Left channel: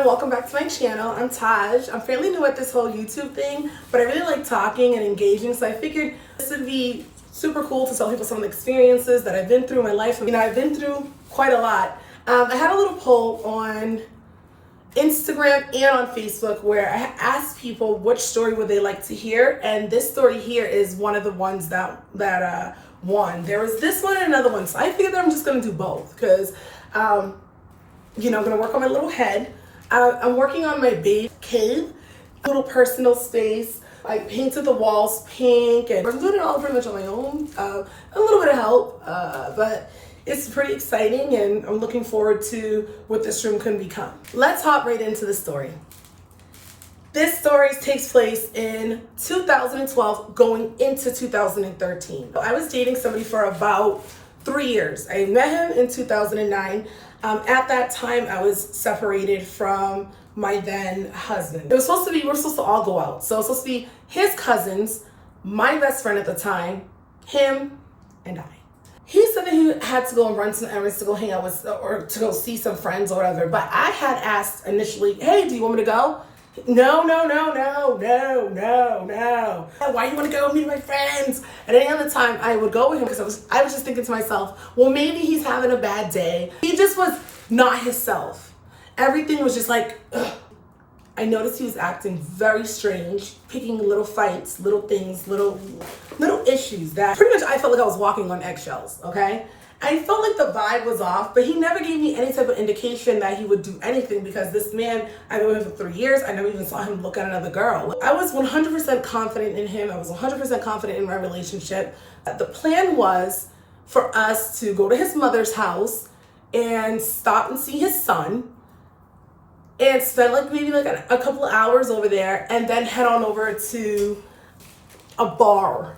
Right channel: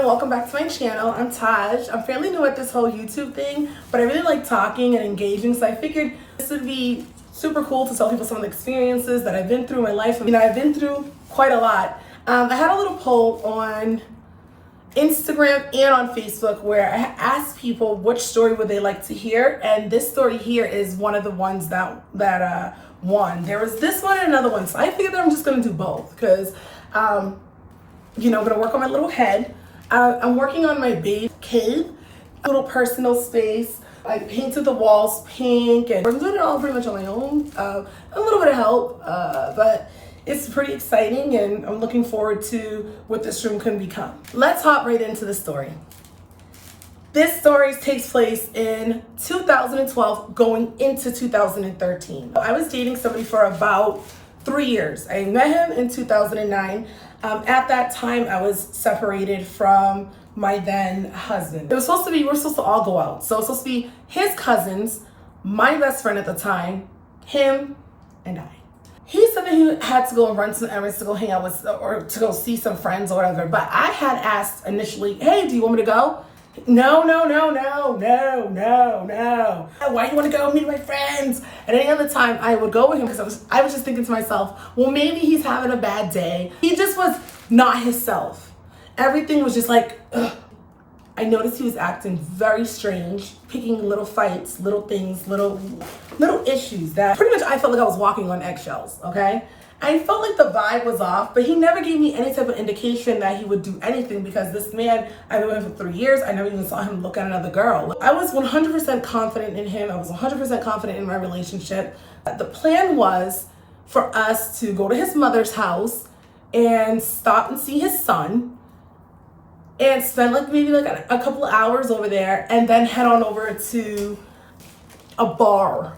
everyone, welcome back to my channel. I'm Taj. I'm fairly new at this whole YouTube thing, but I really like talking and engaging, so I figured this would be super cool to tell people some of the experiences that I've been through in my life. I've been through quite a lot. I had a little poll on Instagram and on Facebook where I asked people which story would they like to hear, and this story here is one of the ones that won. There was this one and another one, so I figured that I'm just gonna do both because I'm gonna work on my little head. I'm working on my baby cave, a little personal space. I painted the walls pink and I'm doing it all pretty much on my own. A little bit of help, but it's pretty exciting and I'm looking forward to what this room can become. Let's hop right into the story. This story takes place in 2012 going into 2013. I was dating somebody for about 3 years. I met him in 2009. At that time, I was separated from my then husband. We were supposed to all go out. So it was supposed to be his cousins, my best friend at the time, him, and I. He said that he had to go and run some errands to go hang out with, or to go see some friends or whatever. But I had asked initially, hey, do you want me to go? No. Why do you want to go meet my friends? At any other time, I would go with him because I was just thinking to myself, well, maybe he's having a bad day. He just was not himself. Everything was just like, ugh. I noticed he was acting very strange, picking little fights, little things, little issues that pretty much I felt like I was walking on eggshells, okay? I felt like the vibe was off, but he never gave me any type of indication that he would do anything because this man, I've been with him for 3 years. I never even saw him look at another girl. I was 100% confident in him. I was 100% confident in my relationship. The plan was for us to go to his mother's house and stop and see his son and spend maybe a couple of hours over there and then head on over to a bar.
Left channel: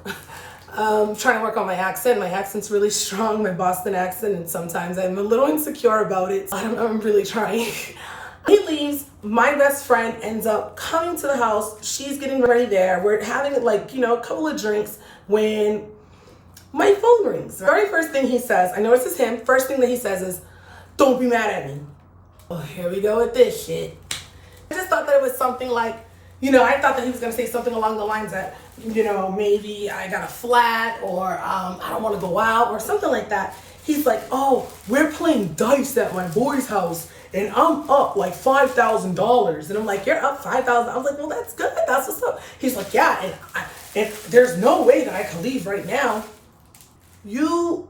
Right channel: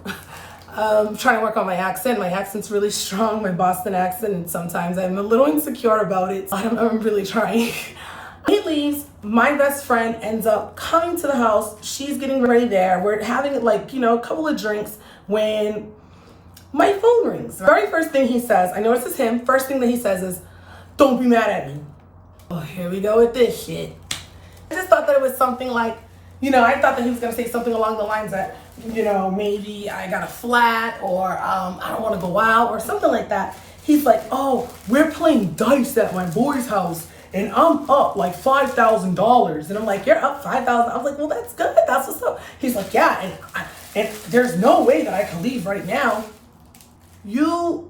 Trying to work on my accent. My accent's really strong, my Boston accent, and sometimes I'm a little insecure about it. I'm really trying. He leaves, my best friend ends up coming to the house. She's getting ready there. We're having a couple of drinks when my phone rings. The very first thing he says, I know this is him, first thing that he says is, don't be mad at me. Oh, here we go with this shit. I just thought that it was something I thought that he was gonna say something along the lines that, maybe I got a flat or I don't want to go out or something like that. He's like, oh, we're playing dice at my boy's house and I'm up like $5,000. And I'm like, you're up 5,000? I was like, well, that's good. That's what's up. He's like, yeah, and there's no way that I can leave right now. You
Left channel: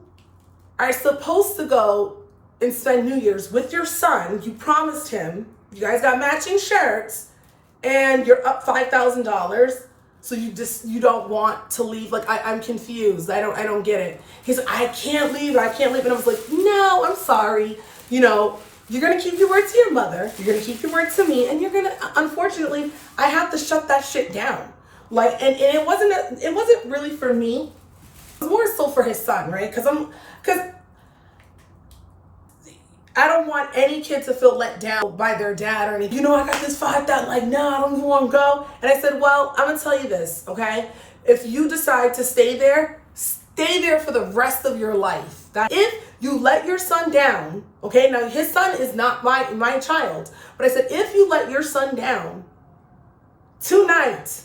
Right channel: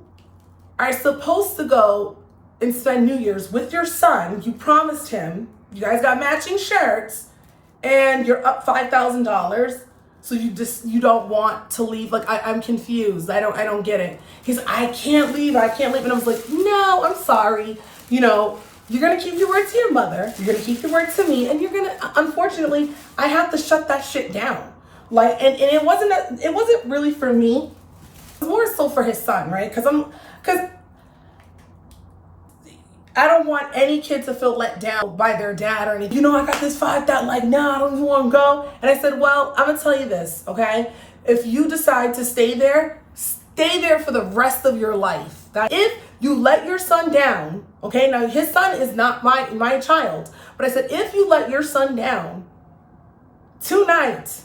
are supposed to go and spend New Year's with your son. You promised him. You guys got matching shirts and you're up $5,000. So you don't want to leave? I'm confused. I don't get it. He's like, I can't leave. And I was like, no, I'm sorry. You're going to keep your word to your mother. You're going to keep your word to me. And you're going to, unfortunately, I have to shut that shit down. And it wasn't really for me. It was more so for his son, right? Because I don't want any kid to feel let down by their dad or anything. I got this 5,000, no, I don't even want to go. And I said, well, I'm going to tell you this, okay? If you decide to stay there for the rest of your life. That if you let your son down, okay? Now, his son is not my child. But I said, if you let your son down tonight,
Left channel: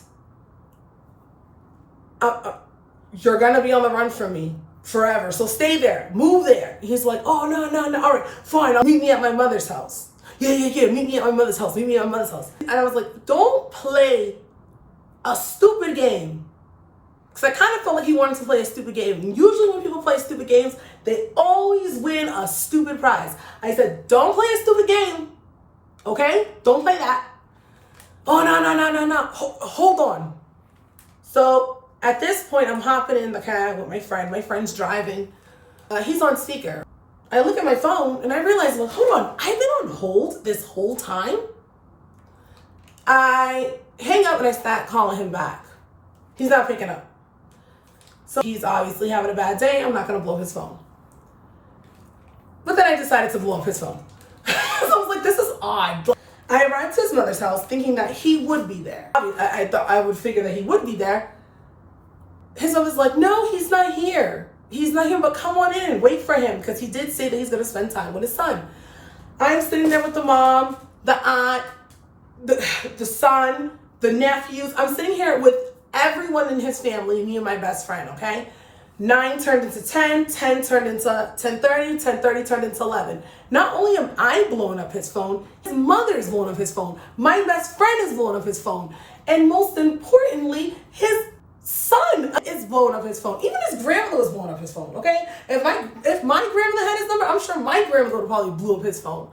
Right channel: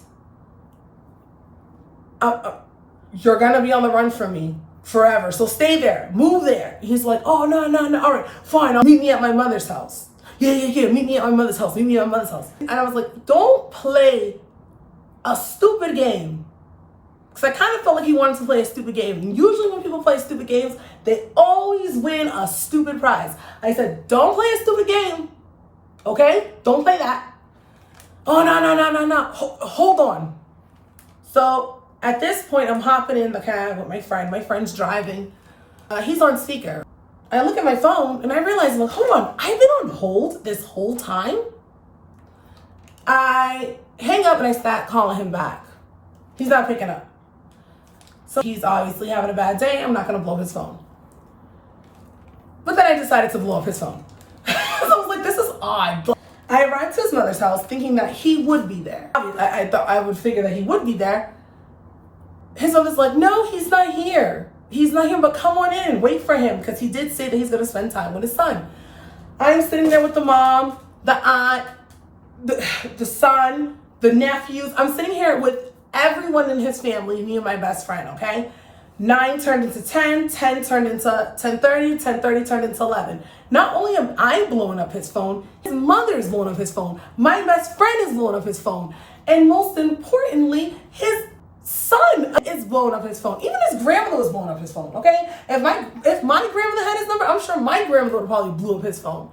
you're going to be on the run from me. Forever. So stay there. Move there. He's like, oh, no. All right, fine. I'll meet me at my mother's house. Yeah. Meet me at my mother's house. And I was like, don't play a stupid game. Because I kind of felt like he wanted to play a stupid game. And usually when people play stupid games, they always win a stupid prize. I said, don't play a stupid game. Okay? Don't play that. Oh, no. Hold on. So at this point, I'm hopping in the cab with my friend. My friend's driving. He's on speaker. I look at my phone and I realize, hold on, I've been on hold this whole time. I hang up and I start calling him back. He's not picking up. So he's obviously having a bad day. I'm not going to blow his phone. But then I decided to blow up his phone. So I was like, this is odd. I arrived to his mother's house thinking that he would be there. I thought I would figure that he would be there. His mother's like, no, he's not here. He's not here, but come on in, wait for him, because he did say that he's going to spend time with his son. I'm sitting there with the mom. the aunt, the son, the nephews. I'm sitting here with everyone in his family, me and my best friend, okay? 9 turned into 10, 10 turned into 10:30, 10:30 turned into 11. Not only am I blowing up his phone, his mother is blowing up his phone. My best friend is blowing up his phone. And most importantly, his son is blowing up his phone. Even his grandmother was blowing up his phone, okay? If my grandmother had his number, I'm sure my grandmother would probably blew up his phone.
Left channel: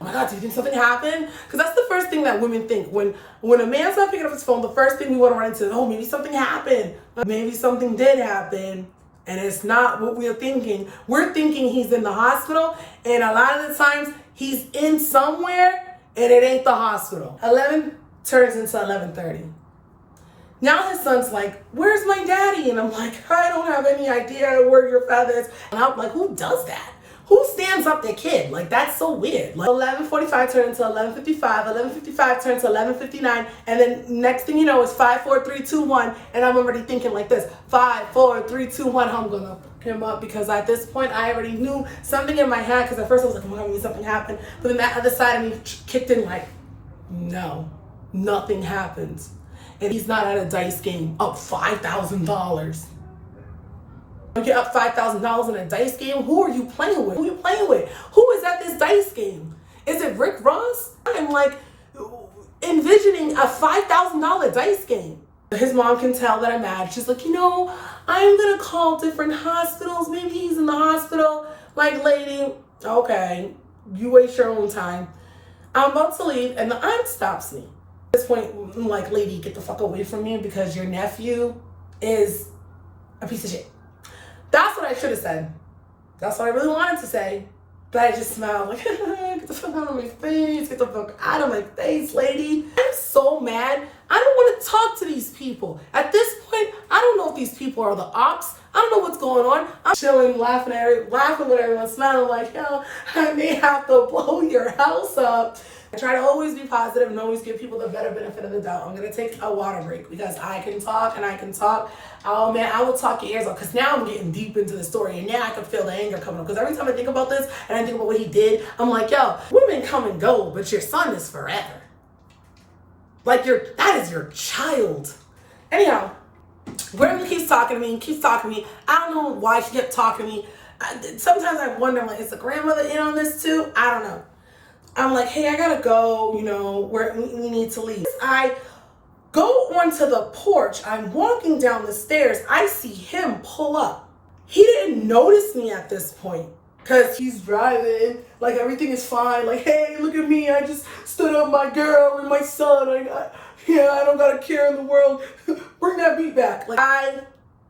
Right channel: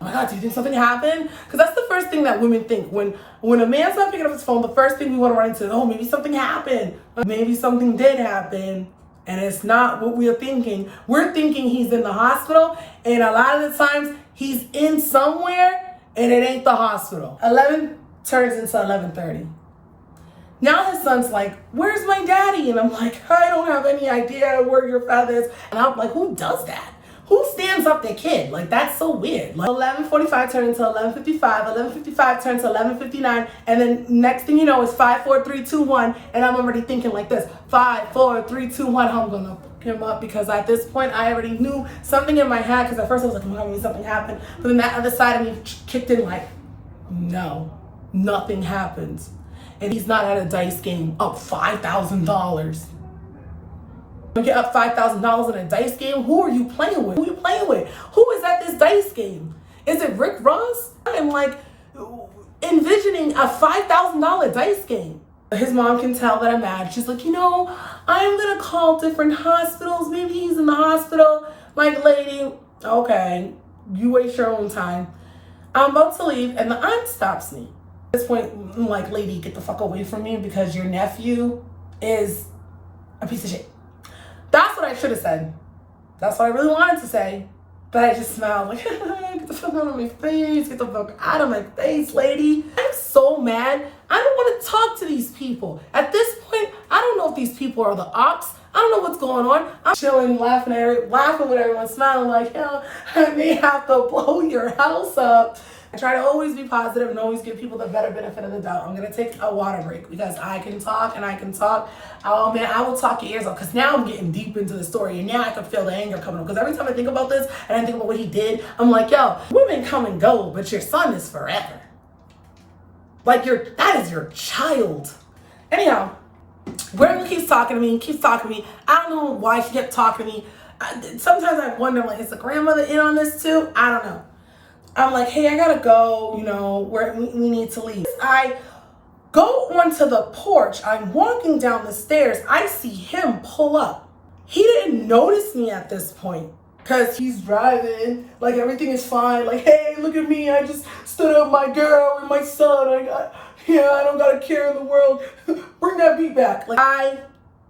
Oh my God, do you think something happened? Because that's the first thing that women think. When a man's not picking up his phone, the first thing we want to run into is, oh, maybe something happened. Maybe something did happen. And it's not what we're thinking. We're thinking he's in the hospital, and a lot of the times he's in somewhere and it ain't the hospital. 11 turns into 11:30. Now his son's like, where's my daddy? And I'm like, I don't have any idea where your father is. And I'm like, who does that? Who stands up their kid? Like, that's so weird. Like, 11:45 turned into 11:55, 11:55 turned to 11:59, and then next thing you know, it's 5, 4, 3, 2, 1, and I'm already thinking like this: 5, 4, 3, 2, 1. I'm gonna fuck him up, because at this point I already knew something in my head. Because at first I was like, oh my God, maybe something happened, but then that other side of me kicked in like, no, nothing happens, and he's not at a dice game up $5,000. Get up $5,000 in a dice game? Who are you playing with? Who are you playing with? Who is at this dice game? Is it Rick Ross? I'm like envisioning a $5,000 dice game. His mom can tell that I'm mad. She's like, I'm gonna call different hospitals. Maybe he's in the hospital. Like, lady, okay, you waste your own time. I'm about to leave, and the aunt stops me. At this point, I'm like, lady, get the fuck away from me, because your nephew is a piece of shit. That's what I should have said. That's what I really wanted to say. But I just smiled like, get the fuck out of my face. Get the fuck out of my face, lady. I'm so mad. I don't want to talk to these people. At this point, I don't know if these people are the ops. I don't know what's going on. I'm chilling, laughing with everyone, smiling like, I may have to blow your house up. I try to always be positive and always give people the better benefit of the doubt. I'm going to take a water break, because I can talk and I can talk. Oh man, I will talk your ears off, because now I'm getting deep into the story, and now I can feel the anger coming up. Because every time I think about this and I think about what he did, I'm like, yo, women come and go, but your son is forever. Like, that is your child. Anyhow, Grandma keeps talking to me. I don't know why she kept talking to me. Sometimes I wonder, like, is the grandmother in on this too? I don't know. I'm like, hey, I gotta go, we need to leave. I go onto the porch. I'm walking down the stairs. I see him pull up. He didn't notice me at this point, because he's driving, like everything is fine. Like, hey, look at me. I just stood up my girl and my son. I don't got a care in the world. Bring that beat back. Like, I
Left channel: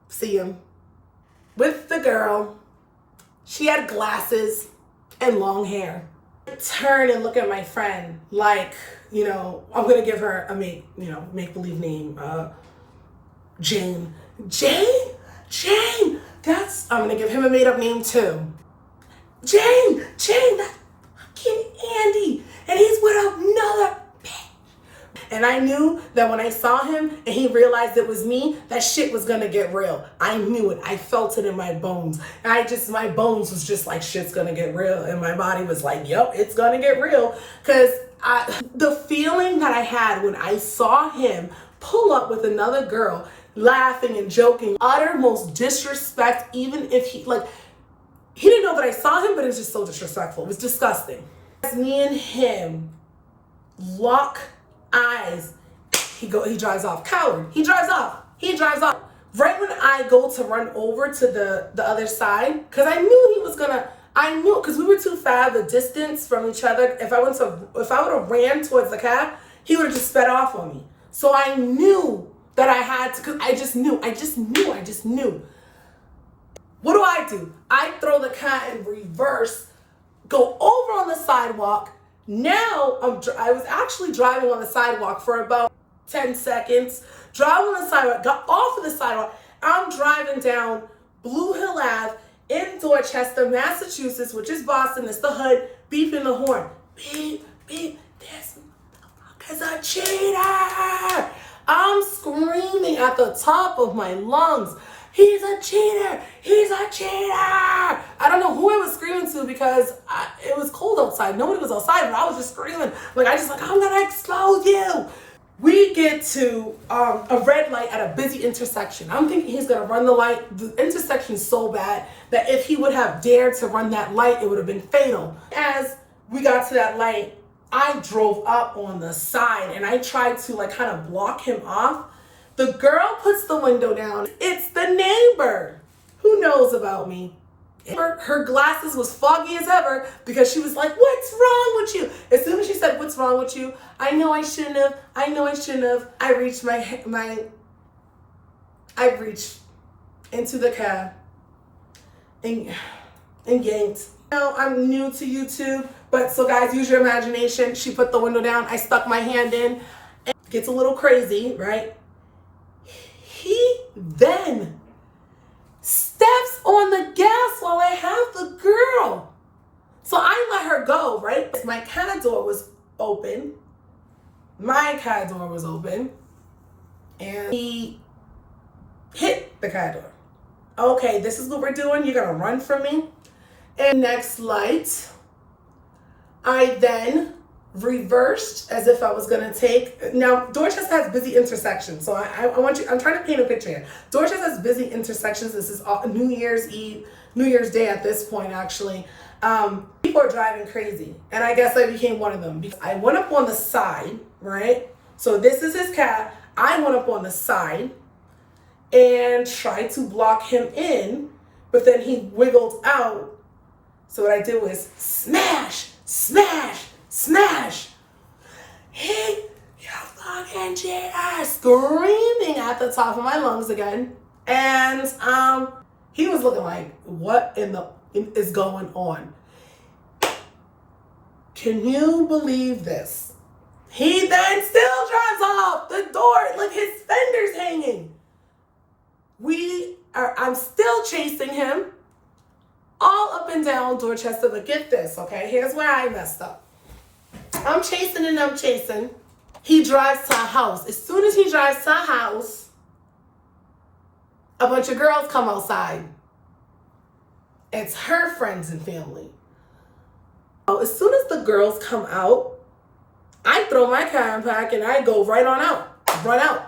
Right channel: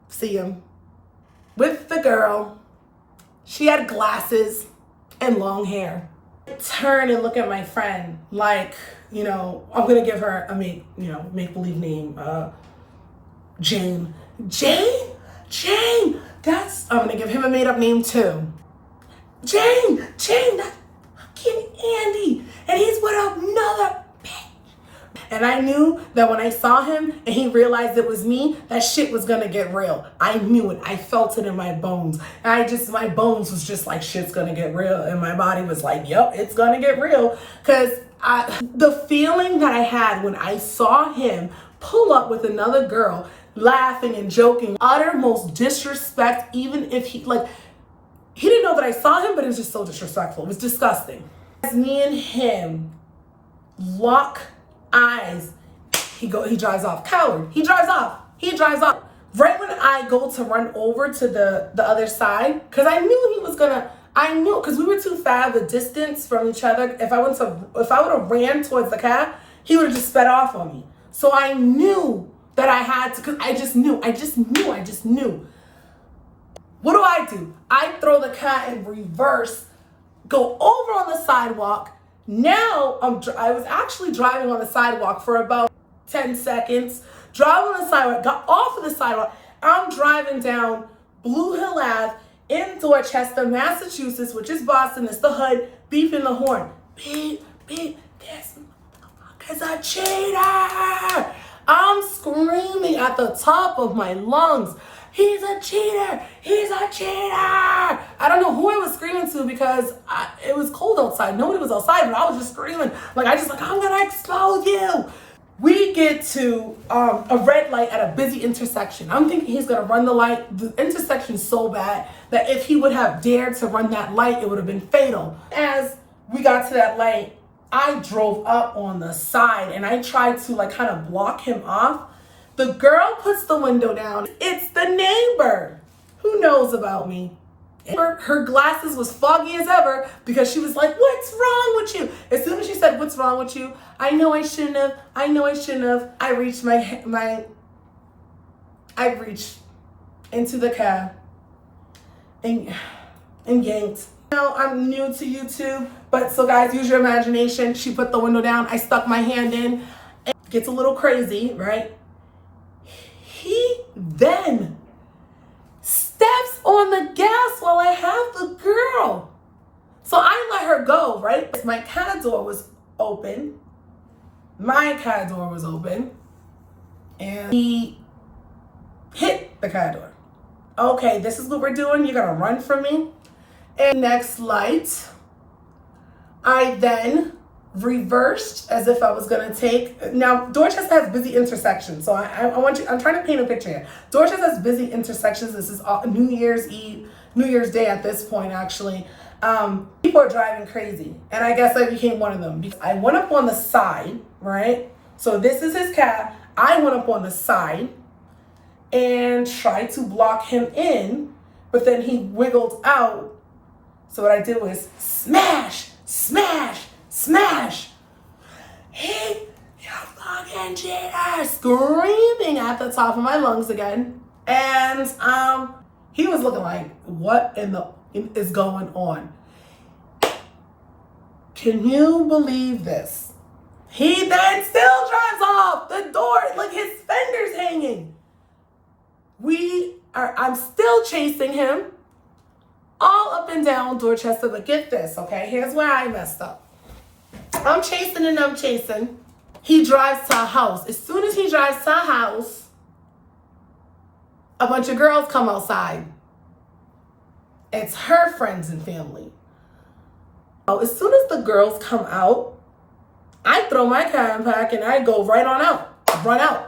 see him with the girl. She had glasses and long hair. Turn and look at my friend like, I'm gonna give her a make-believe name, Jane. I'm gonna give him a made-up name too. Jane, that's fucking Andy, and he's with another bitch. And I knew that when I saw him and he realized it was me, that shit was gonna get real. I knew it. I felt it in my bones. And my bones was just like, shit's gonna get real. And my body was like, yep, it's gonna get real. Because the feeling that I had when I saw him pull up with another girl, laughing and joking, uttermost disrespect, even if he didn't know that I saw him, but it was just so disrespectful. It was disgusting. As me and him lock eyes, he drives off. Coward. He drives off. Right when I go to run over to the other side, because I knew because we were too far the distance from each other. If I would have ran towards the car, he would have just sped off on me. So I knew that I had to, because I just knew. What do? I throw the car in reverse, go over on the sidewalk. Now I was actually driving on the sidewalk for about 10 seconds. Driving on the sidewalk, got off of the sidewalk. I'm driving down Blue Hill Ave in Dorchester, Massachusetts, which is Boston. It's the hood, beeping the horn. Beep, beep, this motherfucker's a cheater. I'm screaming at the top of my lungs. he's a cheater, he's a cheater. I don't know who I was screaming to because it was cold outside. Nobody was outside, but I was just screaming. Like, I'm gonna expose you. We get to a red light at a busy intersection. I'm thinking he's gonna run the light. The intersection's so bad that if he would have dared to run that light, it would have been fatal. As we got to that light, I drove up on the side and I tried to like kind of block him off. The girl puts the window down. It's the neighbor. Who knows about me? Her glasses was foggy as ever because she was like, what's wrong with you? As soon as she said, what's wrong with you? I know I shouldn't have. I reached I reached into the cab and yanked. Now I'm new to YouTube, but so guys, use your imagination. She put the window down. I stuck my hand in. It gets a little crazy, right? He then steps on the gas while I have the girl. So I let her go, right? My car door was open. And he hit the car door. Okay, this is what we're doing. You're gonna run from me. And next light, I then reversed as if I was gonna take. Now, Dorchester has busy intersections, so I'm trying to paint a picture here. Dorchester has busy intersections. This is New Year's Eve, New Year's Day at this point, actually. People are driving crazy, and I guess I became one of them. I went up on the side, right? So this is his car. I went up on the side and tried to block him in, but then he wiggled out. So what I did was smash, smash, smash. Hey, you fucking cheater! Screaming at the top of my lungs again. And he was looking like, what in the is going on? Can you believe this? He then still drives off the door, like his fender's hanging. I'm still chasing him all up and down Dorchester, but get this, okay? Here's where I messed up. I'm chasing. He drives to a house. As soon as he drives to a house, a bunch of girls come outside. It's her friends and family. So as soon as the girls come out, I throw my car in park and I go right on out, run out.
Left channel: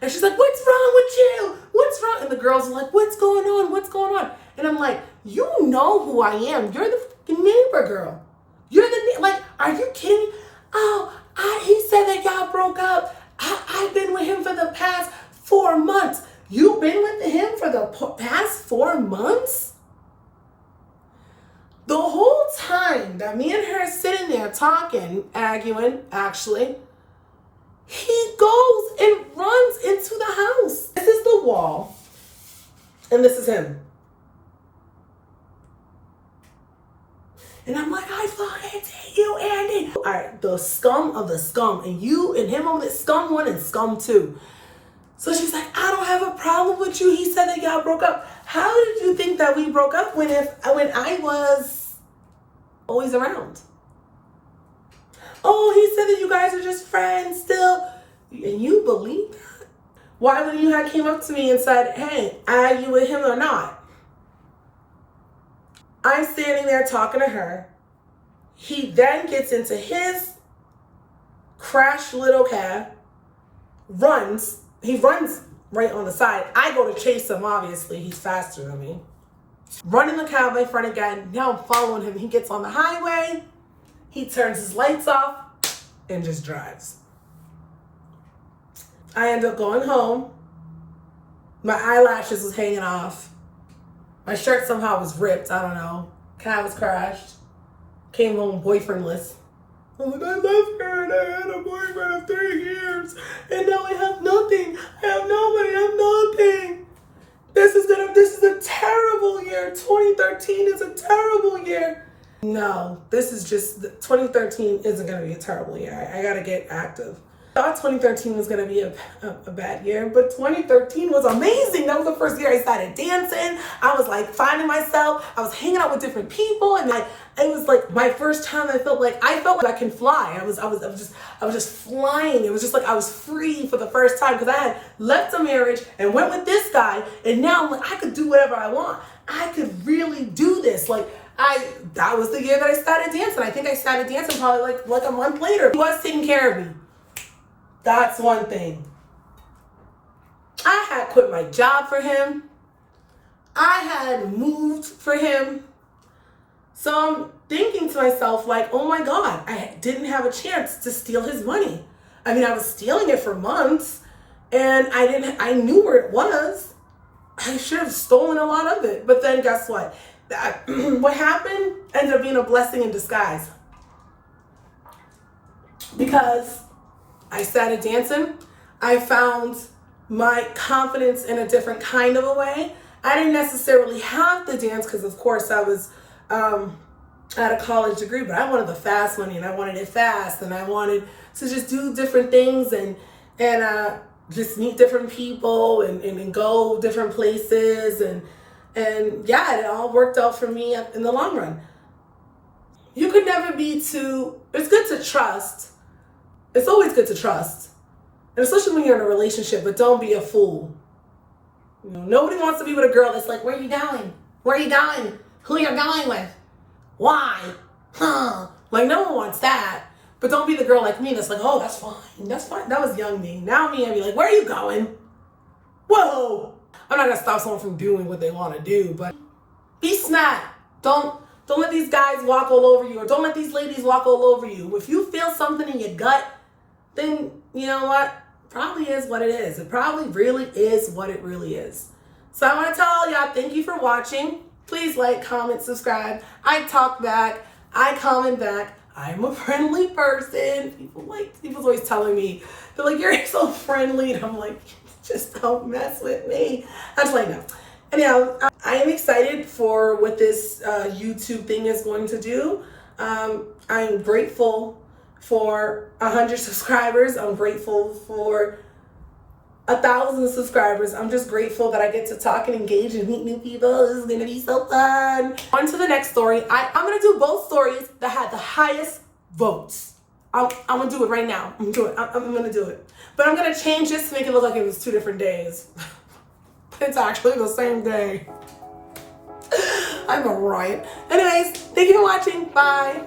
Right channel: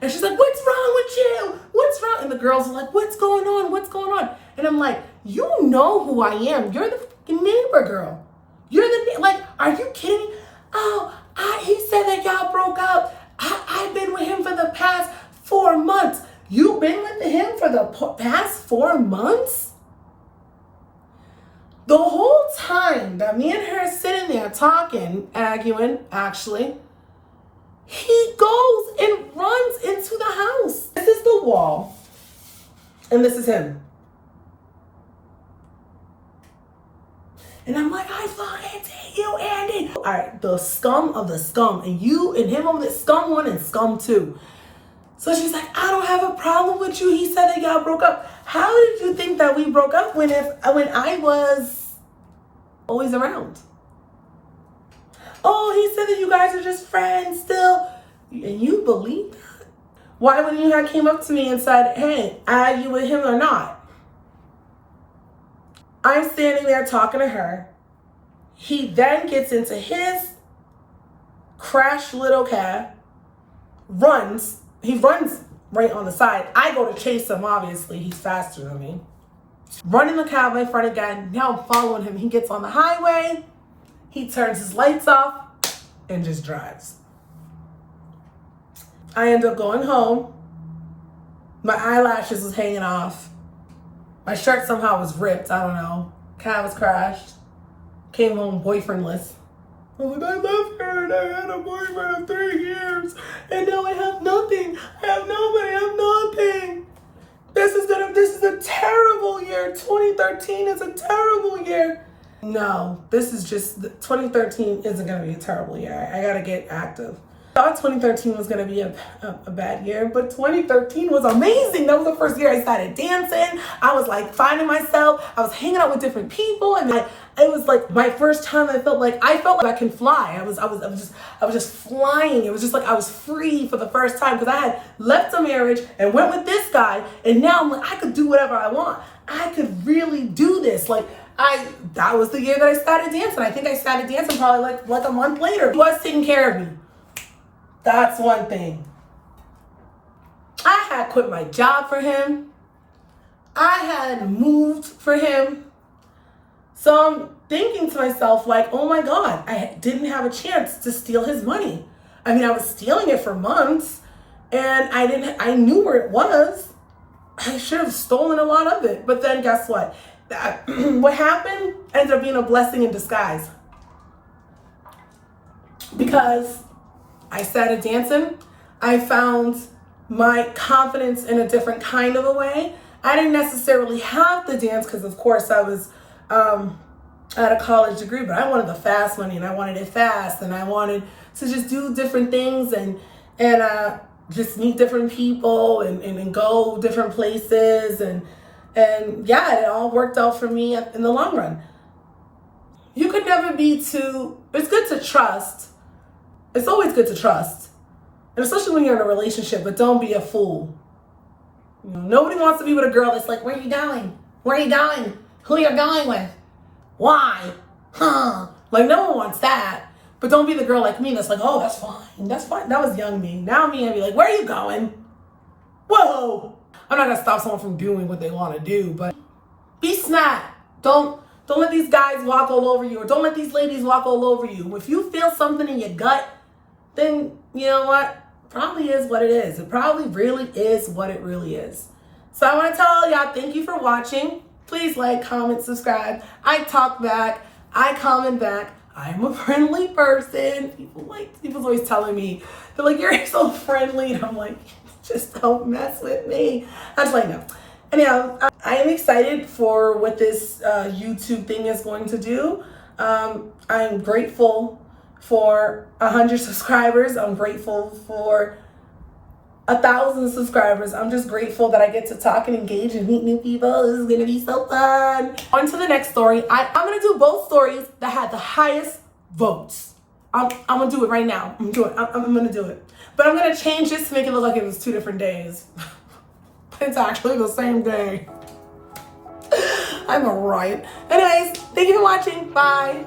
And she's like, what's wrong with you? What's wrong? And the girls are like, what's going on? What's going on? And I'm like, you know who I am. You're the neighbor girl. Like, are you kidding? Oh, he said that y'all broke up. I've been with him for the past 4 months. You've been with him for the past 4 months? The whole time that me and her sitting there talking, arguing, actually, he goes and runs into the house. This is the wall, and this is him. And I'm like, I fucking take you, Andy. All right, the scum of the scum, and you and him over the scum 1 and scum 2. So she's like, I don't have a problem with you. He said that y'all broke up. How did you think that we broke up when I was always around? Oh, he said that you guys are just friends still. And you believe that? Why wouldn't you have came up to me and said, hey, are you with him or not? I'm standing there talking to her. He then gets into his crashed little cab, runs. He runs right on the side. I go to chase him, obviously. He's faster than me. Running the cab in front again. Now I'm following him. He gets on the highway. He turns his lights off and just drives. I end up going home. My eyelashes was hanging off. My shirt somehow was ripped. I don't know. Car was crashed. Came home boyfriendless. I was like, I left her and I had a boyfriend of 3 years. And now I have nothing. I have nobody. I have nothing. This is a terrible year. 2013 is a terrible year. No, this is just, 2013 isn't going to be a terrible year. I got to get active. Thought 2013 was gonna be a bad year, but 2013 was amazing. That was the first year I started dancing. I was like finding myself. I was hanging out with different people, and like it was like my first time. I felt like I can fly. I was just flying. It was just like I was free for the first time because I had left a marriage and went with this guy, and now I'm like I could do whatever I want. I could really do this. Like that was the year that I started dancing. I think I started dancing probably like a month later. He was taking care of me. That's one thing. I had quit my job for him. I had moved for him. So I'm thinking to myself like, oh my God, I didn't have a chance to steal his money. I mean, I was stealing it for months and I knew where it was. I should have stolen a lot of it. But then guess what? What happened ended up being a blessing in disguise. Because I started dancing. I found my confidence in a different kind of a way. I didn't necessarily have to dance because, of course, I was at a college degree, but I wanted the fast money and I wanted it fast and I wanted to just do different things and just meet different people and go different places and yeah, it all worked out for me in the long run. You could never be too. It's good to trust. It's always good to trust, and especially when you're in a relationship, but don't be a fool. You know, nobody wants to be with a girl that's like, where are you going? Where are you going? Who you're going with? Why? Huh? Like, no one wants that. But don't be the girl like me that's like, oh, that's fine. That's fine. That was young me. Now me, I'd be like, where are you going? Whoa. I'm not going to stop someone from doing what they want to do, but be smart. Don't let these guys walk all over you, or don't let these ladies walk all over you. If you feel something in your gut, then you know what? Probably is what it is. It probably really is what it really is. So I want to tell all y'all, thank you for watching. Please like, comment, subscribe. I talk back. I comment back. I'm a friendly person. People's always telling me, they're like, you're so friendly. And I'm like, just don't mess with me. I'm just like, no. Anyhow, I am excited for what this YouTube thing is going to do. I'm grateful for 100 subscribers. I'm grateful for 1,000 subscribers. I'm just grateful that I get to talk and engage and meet new people. This is gonna be so fun. On to the next story. I'm gonna do both stories that had the highest votes. I'm gonna do it right now. I'm gonna do it. But I'm gonna change this to make it look like it was 2 different days. It's actually the same day. I'm a riot. Anyways, thank you for watching. Bye.